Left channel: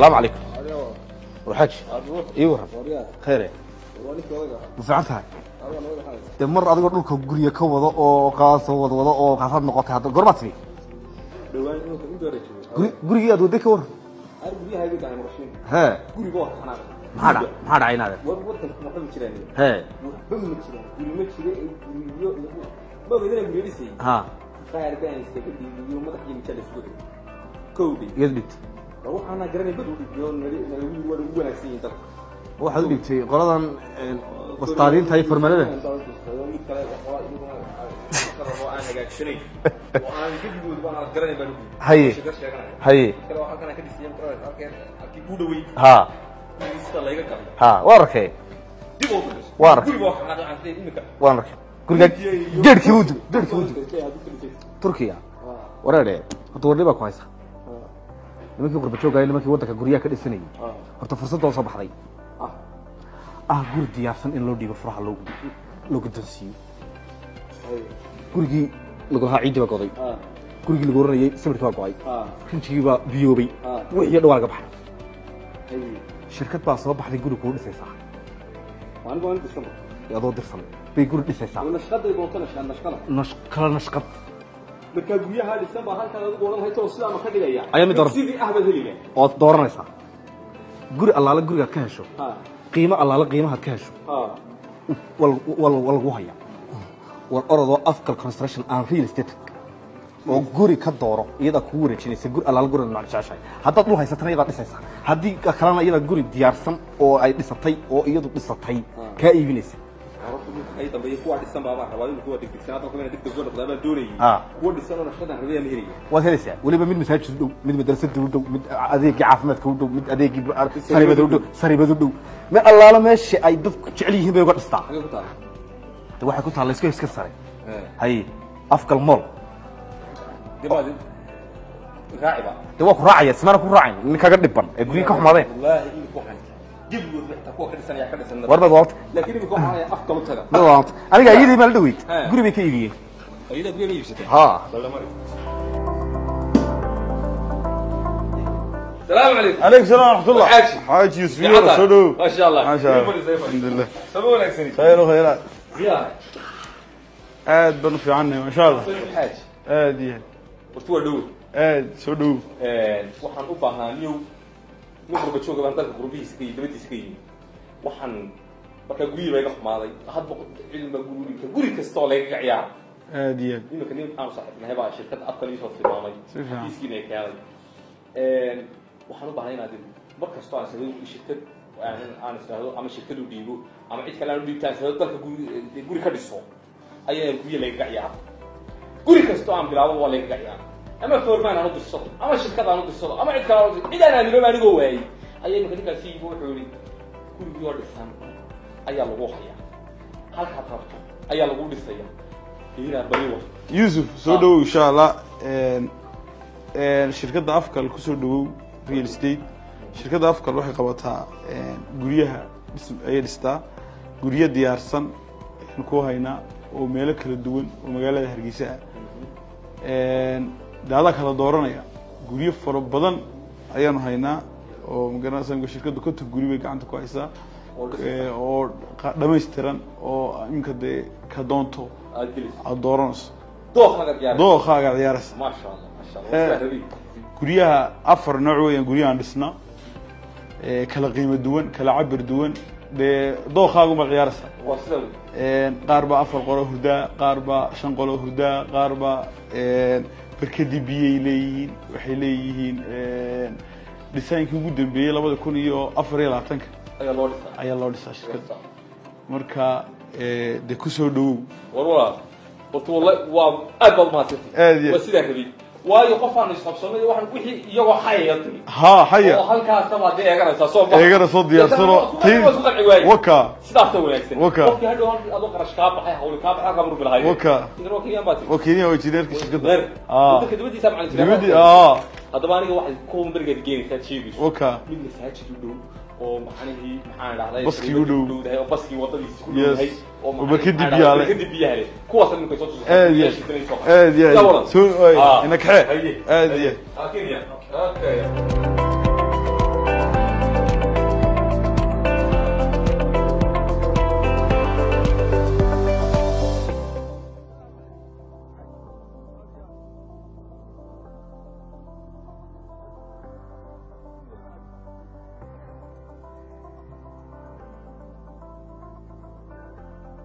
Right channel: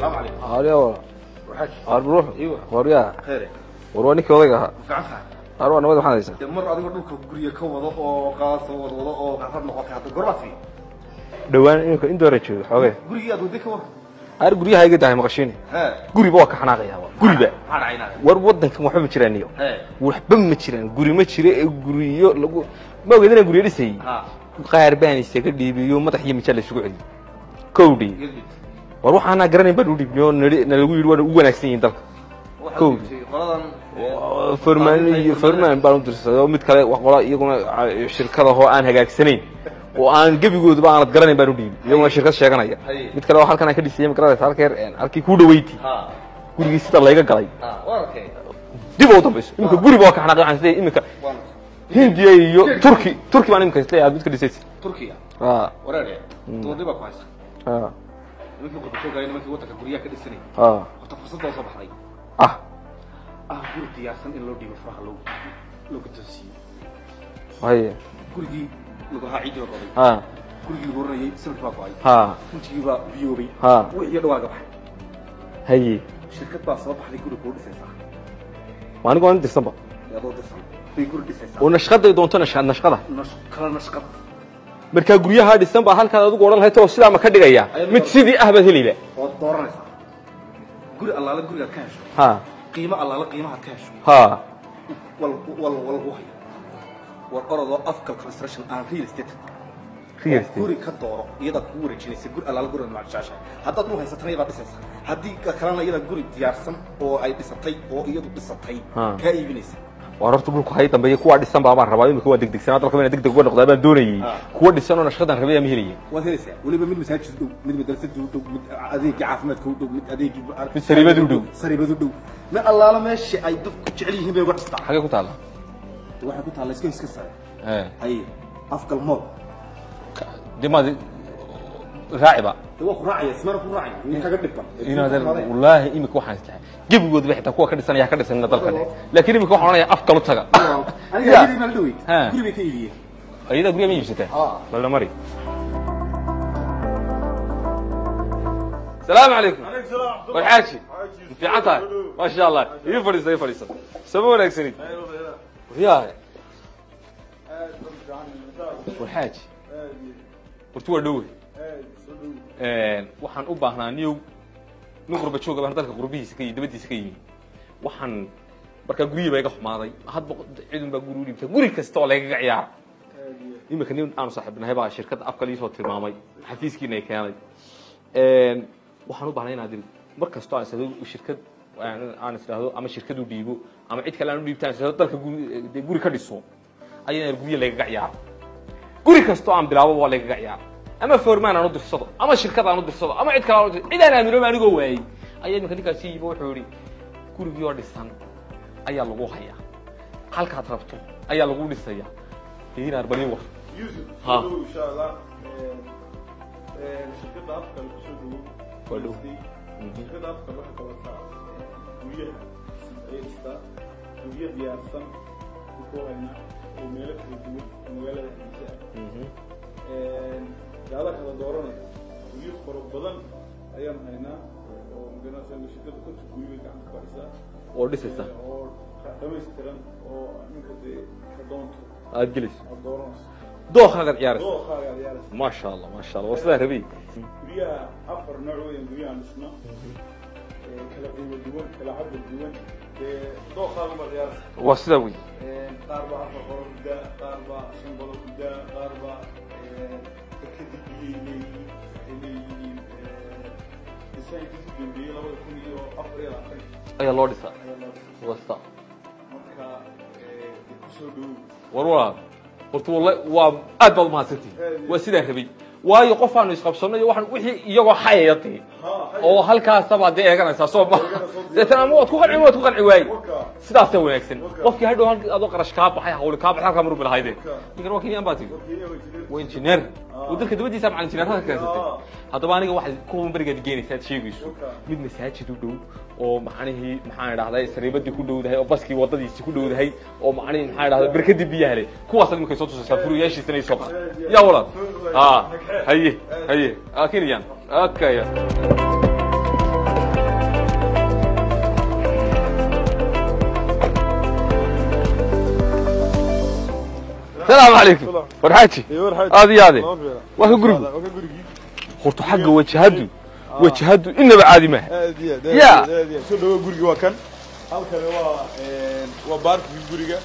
السلام عليكم. عليكم. وحش. روح. ايوه. وريا. خير. ورونيك odayga. Fiicantahay. Arwana wada waxaan haysaa. Mar adiga dhulka guriga ka wada oo qaasoo wada oo qaasad noqotay hadda gormatri. Dhawaan in door joogo xoogay. Guriga aad wada ka war. Ar guriga iga dahay maqashin. Ha. Guriga waa ka xanaaqaya. Guriga. Maxaa dhacaynaada? War wadankan waxba ma jiraan iyo. Ha. Waxba ma jiraan. Guri ma jire ee guriyo lagu ma ogeedana guriyo dhisay. Ha. Qaar baan isaga dhiibiyo madax iyo mijal isugu celi. Kowdi. Yadid. War waxaan garanay bad u dhiibyo lagu yiri waa u wanaagsan yihiin dalka. Waxa uu dhigtay qoladan farmaan baan u dirsaday mid kale wax qola iyaguna shirkada oo aan hagaagsanayn oo aan gabigoodu baan la garanayn baan u dhiibay waa shirkad sheeganaya mid kale oo halkan aan ka dhisay magarada halkii ku dhaweeyay ha gurigii sida layga galay ha waa arkay dib u dambeys guriga waa ka xanaaqay aan sidee imika waan arkay guriga iyo turki baan imika sidee aad mid ka dhisay turkiya ha wareere doorniba ku haysa ha nimankii qurba joogay nimankii wadanka guriga ka dhisanay ha horta fursad oo soo baxday guri diyaarsan in loo dhigo furaha loo guddoonsiiyo haye gurigii lagu haa ciidii baa goday gurigii lagu oranayay sawirkii baa go'ay rinjigii baa biyoobay wixii dhawaaga baxay haye shirkad baa soo baxday guri kuu dhisaysaa anigu waan dirsanba adoo dirsan bay guri dhisaysaa oo nashqaday doonto nashqada kala nashqad marka guryaha dhisan baa halkaad adigu oran lahayd oo sidaa ma ka dhigaya mid sidii ah baad helayba oo dooranaysaa guri allaala gurigaad ka hesho qiimo allaala qiimaha ka hesho wal haya wal orodoo afkal construction and real estate guri ka dooro iyada kugu wareejinaysa guri allaala guri nooc jeceshahay haddaad dhul haysatana iyadaa dhisaysaa haddii kalena iyada guri diyaarsan oo ay dhisatay oo iyadu dhisatay kaa iibinaysa waa horta dhulku hay dambeeyay kuwa dhisan baa rabaa imika waa degdegsanaa dalka inay degdeg uga noqdaa baan doonayay kuwa dhisan oo nashqadan rabay ama helaya waad helaysaa waliba mid masaajid dhow mid madrasada u dhow mid adeegii caafimaadka u dhow mid adeegii saribada u dhow mid allaala meesha ay dadku jecel yihiin bay uga dhistaa xagee ku taala waxay ku taala isku heeska sare hay afkal mool dimaadi raaciba waa ku raacaya ismana ku raacay ninkaga dhiban ee guriga ka xumaadeen wallaahi imika waxaan tahay gabigoodu waxay taa kuwa ka dhisanaya ka dhisan laakiin imika waxaan oranaya afka lu taga aniga ayadii ma la dhaweyd guri bay ka iibiyeen ayada guriga ma iibsatay la mari السلام عليكم. عليكم السلام ورحمة الله. حاج يوسف شنو؟ ما شاء الله. ما شاء الله. الحمد لله. سمونا اكسري. خير وخيرات. يا عاد بنو في عني ما شاء الله. الحاج. عادي. وتو دو. عاد سو دو. waxaan u baahnaa niyow nuqurba jooga baan dalka qurbihiisa ka dibadiisa ka yimi waxaan marka guriga iga xumaaday hadba cilmi baa guri kasta oo laga ciyaar عادي. imika nin aan saaxiibnahay baa shirkad afka liisoo tilmaamay xafiiskiina ay keenay waxaan u baahnaa inaad mar kasta aan sameeyo shirkad aan isticmaalo ama shirkad u dhiibo ama cid kale aan u dhiibtaan sida dalka guri ka dhiso ayaa guriga laga ciyaar guri kasta aan bilaabo waa laga ciyaar ama foormaan aan u dirsado ama shirkad aan u dirsado ama cid kale aan u dirsado cid aan aaminay anigoo waayay ayaa imika ninkaasi yibo wuxuu yiri gurigii oo dhisan ayaa lagu hayaa halkaad rabto ayaa lagu dhisaya diinar bariwa يوسف سو دو إن شاء الله. شركة أفكار كسر دو real estate. شركة أفكار waxay qabataa guryaha ay dhistaa guryo diyaarsan ku hayna oo meelo kala duwan oo magaalada Hargeysa daada kala dooranaya guryo faro badan ayaan haynaa oo magaalada shirkadu ka guri bay gacanta ku haysaa oo dhameystiran oo inka ka doonto aad dooranayso dookhaaga ciyaaraysa ما شاء الله ما شاء الله وصلنا ربي guryaha afar nooc weeyaan guryahan dhisna kala qiimo duwan kala cabir duwan dookhaaga ma ciyaaraysa waa sida weey qaar baa afar qolo hurdaa qaar baa shan qolo hurdaa qaar baa barkadi biyay leeyihiin waxay leeyihiin dhisaankii ugu dambeeyay 2024 ayaa loo dhisaa shirkadda marka de ku soo dhawow warwaa والله وأدبل ما ترتي وسيدة كبير وايد قفان يسقطون واحد وحي يجوا حياتي حيا وهالكاس طبعا ده يجرى صوب يجرى صوت وكا سيدة تويكسن وكا هيدو أدوك رشكاب حيا حول كاب حيا كامرو بالهاي وكا يجرى وكينيا باتي وكينيا وجدير كشجبير ودك دبدي سامع عن دبدي هذا ما نيجي واحد كوم برجع جيري ثلاث شيء وكا مين مساعد تدو oo maxaanihi maxaan dhahday sariibada ku dhowdahay oo baski wadadiisa ku dhowdahay oo maxaan ka dibiyaale kuwaas inuu soo tusay yeeshiisay soo qaaday ya walaal inaka haye haye akiriyan okay السلام عليكم ورحاتي هذه هذه وهو قريب waa ka gurigii horta xagga wajahadu inaba caadi ma ya soo dhawo guriga waa kan halkan waa baarkii guriga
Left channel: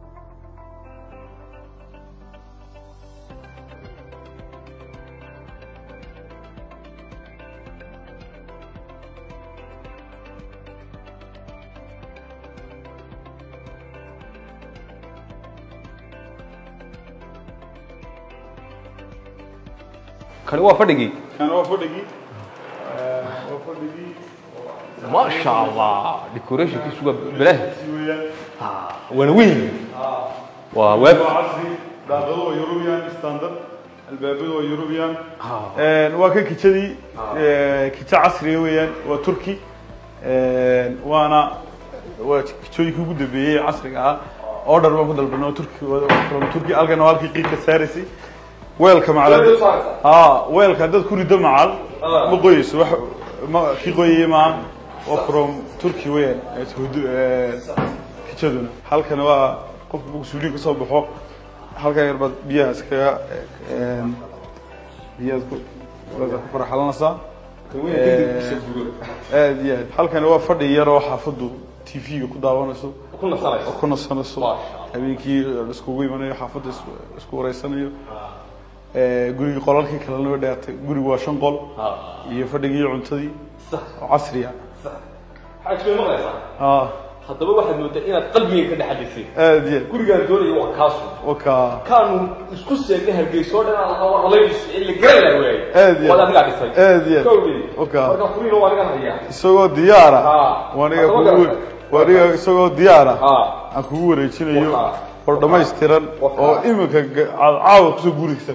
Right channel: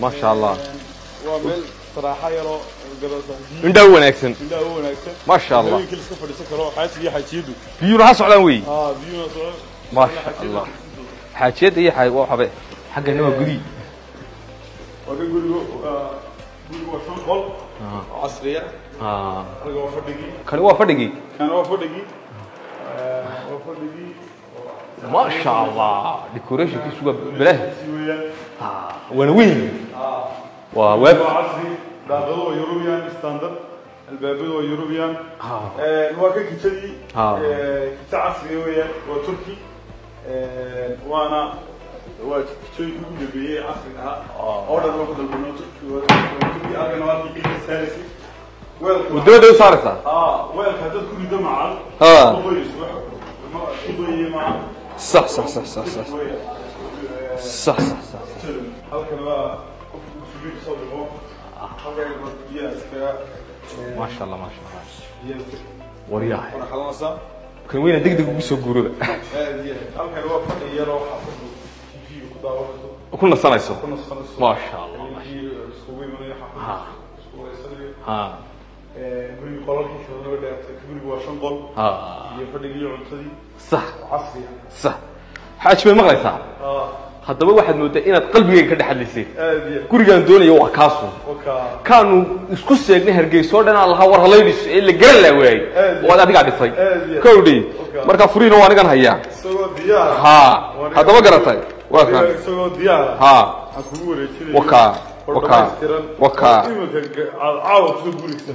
ma sha Allah waa meel saraaxa yaro indhaw wanaagsan ma sha Allah iska fadhiisan karo xaasiga xaajiyadu biyuna ha socdaan weey biyuna socdaan ma sha Allah xaajiyada iyo xay waa xabe xaggana waa gudi waa guriga waa shan qol casriya كان هو فدقي ما شاء الله ديكوريشن كي سوى بلاه وانا وين وويب عصري داخله يوروبيان ستاندرد الباب هو يوروبيان واكن كيتشدي كيتش عصري ويان وتركي وانا كيتشوي كوغو دبي عصري اوردر ما بدل بنو تركي الغن والكي قيمه سارسي ويلكم دو صارت ويلك هذا كل دم عال بقيس ما في قوي ما صح تركي وين صح كذا halkan waa qof suuliga ka soo baxo halkan yarbad biyaha iska ما شاء الله biyaha wariyaha farxalanaysa kan weyn degdeg ugu soo guuro halkan waa fadhi yar oo xaafadu TV ku daawanayso ku nasanayso ma sha Allah habeenkii isku weymanayo xaafadu isku wareysanayo guriga qolalkii kala loo dhaatay gurigu waa 5 qol iyo fadhigii cuntadii sax casriya sax xaaj bay maqlaysaa haddaba waxaad moodaa inaad qalbigayga ka dhaxalisay gurigaan doonayo waa kaasu kaanu isku seegnay hargeyso dhan aan lahaa war halaydhis ee la garan laa waayay waa adiga dhisay kowdii marka furiino waa anigan hayaa isagoo diyaara haddaba garatay isagoo diyaara aan kugu wareejinayo war dhamaystiran oo iminka caawa kusoo gurigsa